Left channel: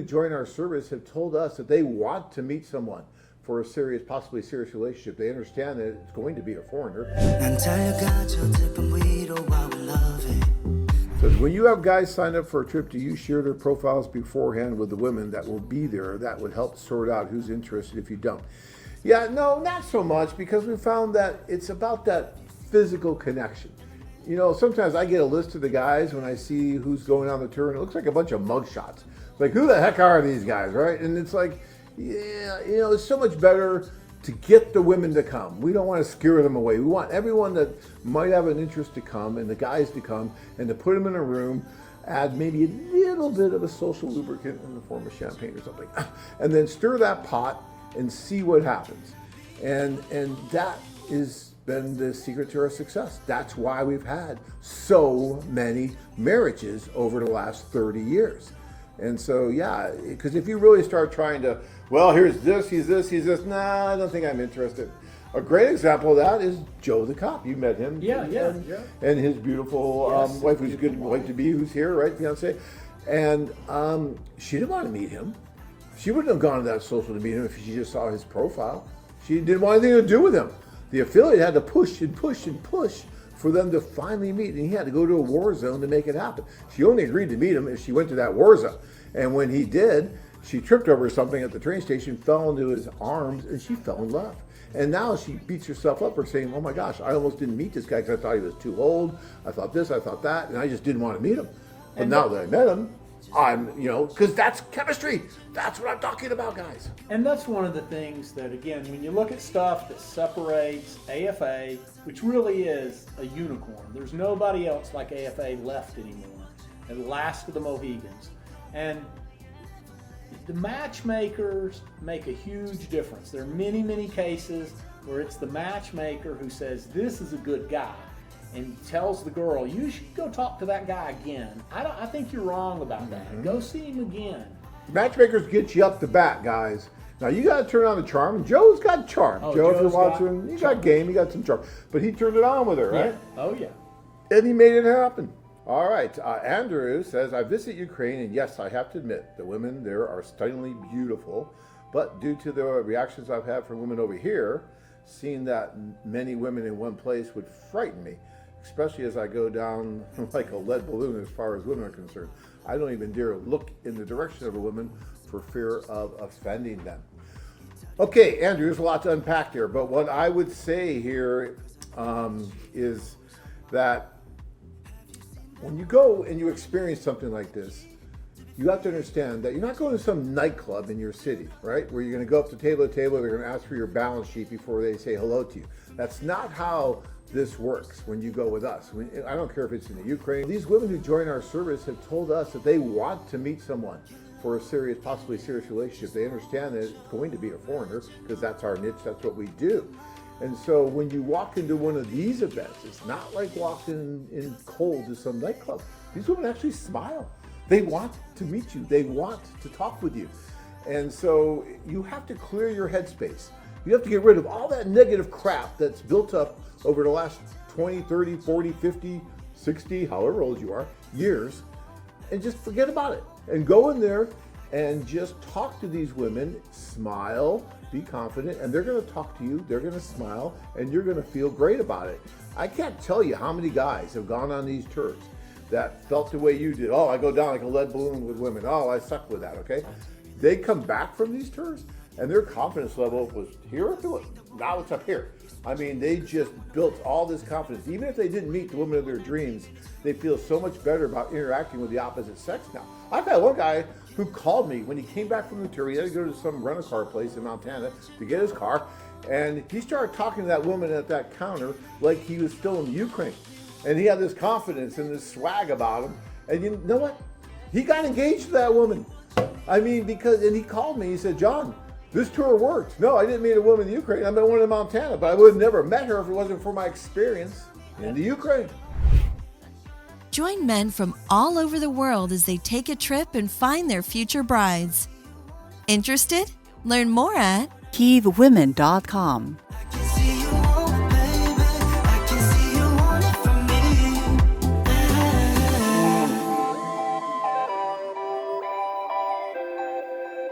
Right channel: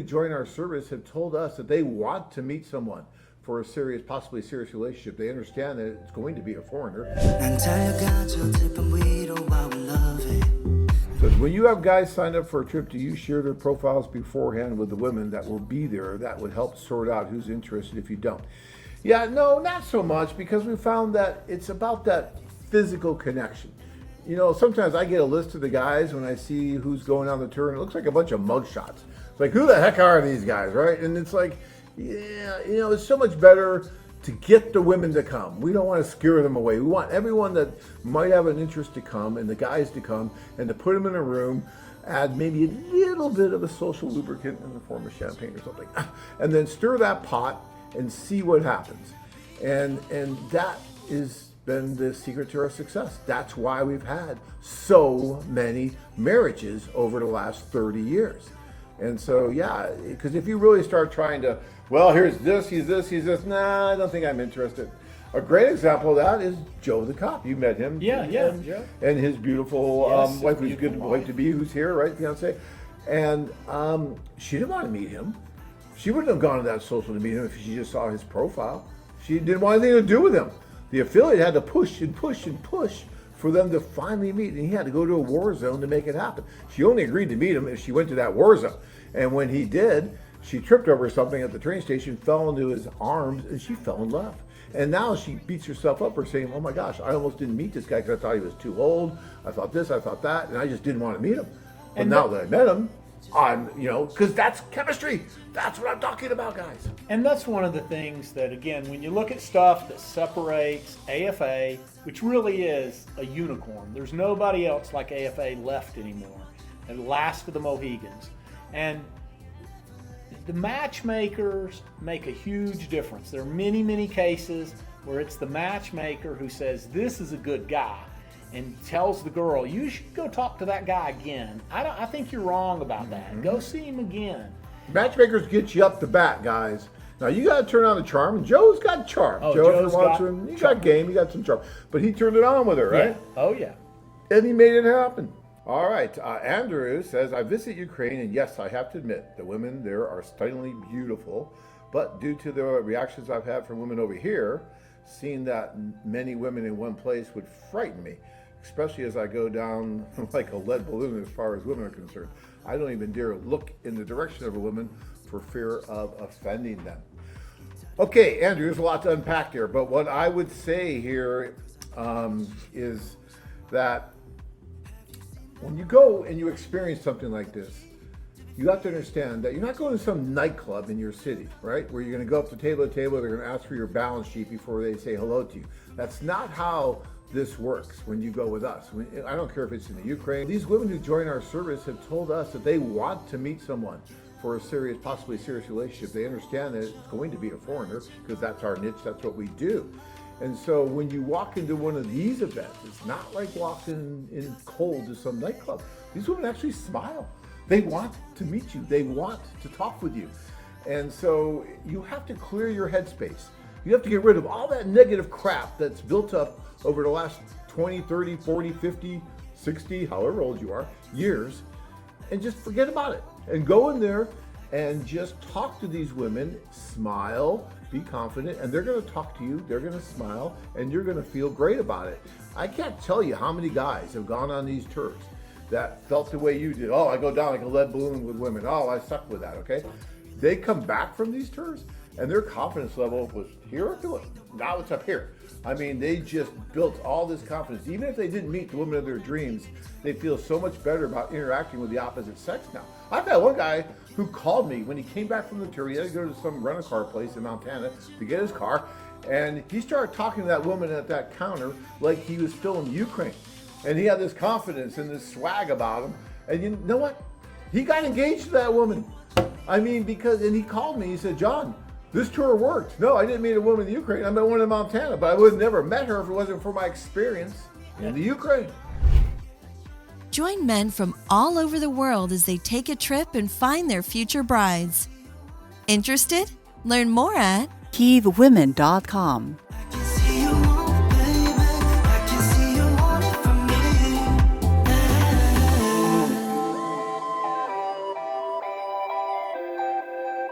who join our service have told us that they want to meet someone for a serious, possibly serious relationship. They understand that it's going to be a foreigner. But when you have guys sign up for a trip, do you share their profiles beforehand with the women that will be there? That would help sort out who's interested if you don't. Yeah, no, not so much, because we found that it's about that physical connection. You know, sometimes I get a list of the guys when I see who's going on the tour, and it looks like a bunch of mugshots. It's like, who the heck are these guys, right? And it's like, yeah, you know, it's so much better to get the women to come. We don't want to scare them away. We want everyone that might have an interest to come, and the guys to come, and to put them in a room, add maybe a little bit of a social lubricant in the form of champagne or something, and then stir that pot and see what happens. And that is been the secret to our success. That's why we've had so many marriages over the last 30 years. And so, yeah, because if you really start trying to, well, here's this, he's this, nah, I don't think I'm interested. A great example of that is Joe the cop. You met him. Yeah. And his beautiful wife, who's good wife to be, who's here, right, fiance. And she didn't want to meet him. She wouldn't have gone to that social to meet him if she just saw his profile. She didn't want anything to do with him. The affiliate had to push and push and push for them to finally meet, and he had to go to a war zone to make it happen. She only agreed to meet him if she went to that war zone. And when he did, she tripped over something at the train station, fell into his arms, and she fell in love. And now she beats herself up for saying, oh my gosh, I almost didn't meet this guy because I thought he was too old. I thought this, I thought that, and I just didn't want to meet him. But now that I met him, because that's chemistry. That's what I'm talking about, guys. And that's one of the things that, again, when you look at stuff that separates AFA, which really is a unicorn, there's nobody else like AFA left anymore, and last of the Mohegans. And the matchmakers make a huge difference. There are many, many cases where it's the matchmaker who says, this is a good guy, and tells the girl, you should go talk to that guy again. I think you're wrong about that. Go see him again. Matchmakers get you up the bat, guys. Now you got to turn on the charm, and Joe's got charm. Oh, Joe, if you're watching, he got game, he got some charm, but he turned it on with her, right? Yeah. Oh yeah. And he made it happen. All right, Andrew says, I visit Ukraine, and yes, I have to admit, the women there are stunningly beautiful, but due to the reactions I've had from women over here, seeing that many women in one place would frighten me, especially as I go down like a lead balloon as far as women are concerned. I don't even dare look in the direction of a woman for fear of offending them. Okay, Andrew, there's a lot to unpack here, but what I would say here is that when you go and you experience something like this, you have to understand that you're not going to some nightclub in your city, right? Where you're going to go up to table to table, they're going to ask for your balance sheet before they say hello to you. That's not how this works when you go with us. I don't care if it's in the Ukraine. These women who join our service have told us that they want to meet someone for a serious, possibly serious relationship. They understand that it's going to be a foreigner because that's our niche, that's what we do. And so when you walk into one of these events, it's not like walking in cold to some nightclub. These women actually smile. They want to meet you. They want to talk with you. And so you have to clear your headspace. You have to get rid of all that negative crap that's built up over the last 20, 30, 40, 50, 60, however old you are, years, and just forget about it. And go in there and just talk to these women, smile, be confident, and they're going to talk to you, they're going to smile, and you're going to feel great about it. I can't tell you how many guys have gone on these tours that felt the way you did. Oh, I go down like a lead balloon with women. Oh, I suck with that, okay? They come back from these tours, and their confidence level was here to it. Now it's up here. I mean, they just built all this confidence. Even if they didn't meet the woman of their dreams, they feel so much better about interacting with the opposite sex now. I've had one guy who called me when he came back from the tour. He had to go to some rental-car place in Montana to get his car, and he started talking to that woman at that counter like he was still in Ukraine. And he had this confidence and this swag about him. And you know what? He got engaged to that woman. I mean, and he called me, he said, John, this tour worked. No, I didn't meet a woman in Ukraine. I met one in Montana, but I would have never met her if it wasn't for my experience in the Ukraine. Join men from all over the world as they take a trip and find their future brides. Interested? Learn more at KievWomen.com.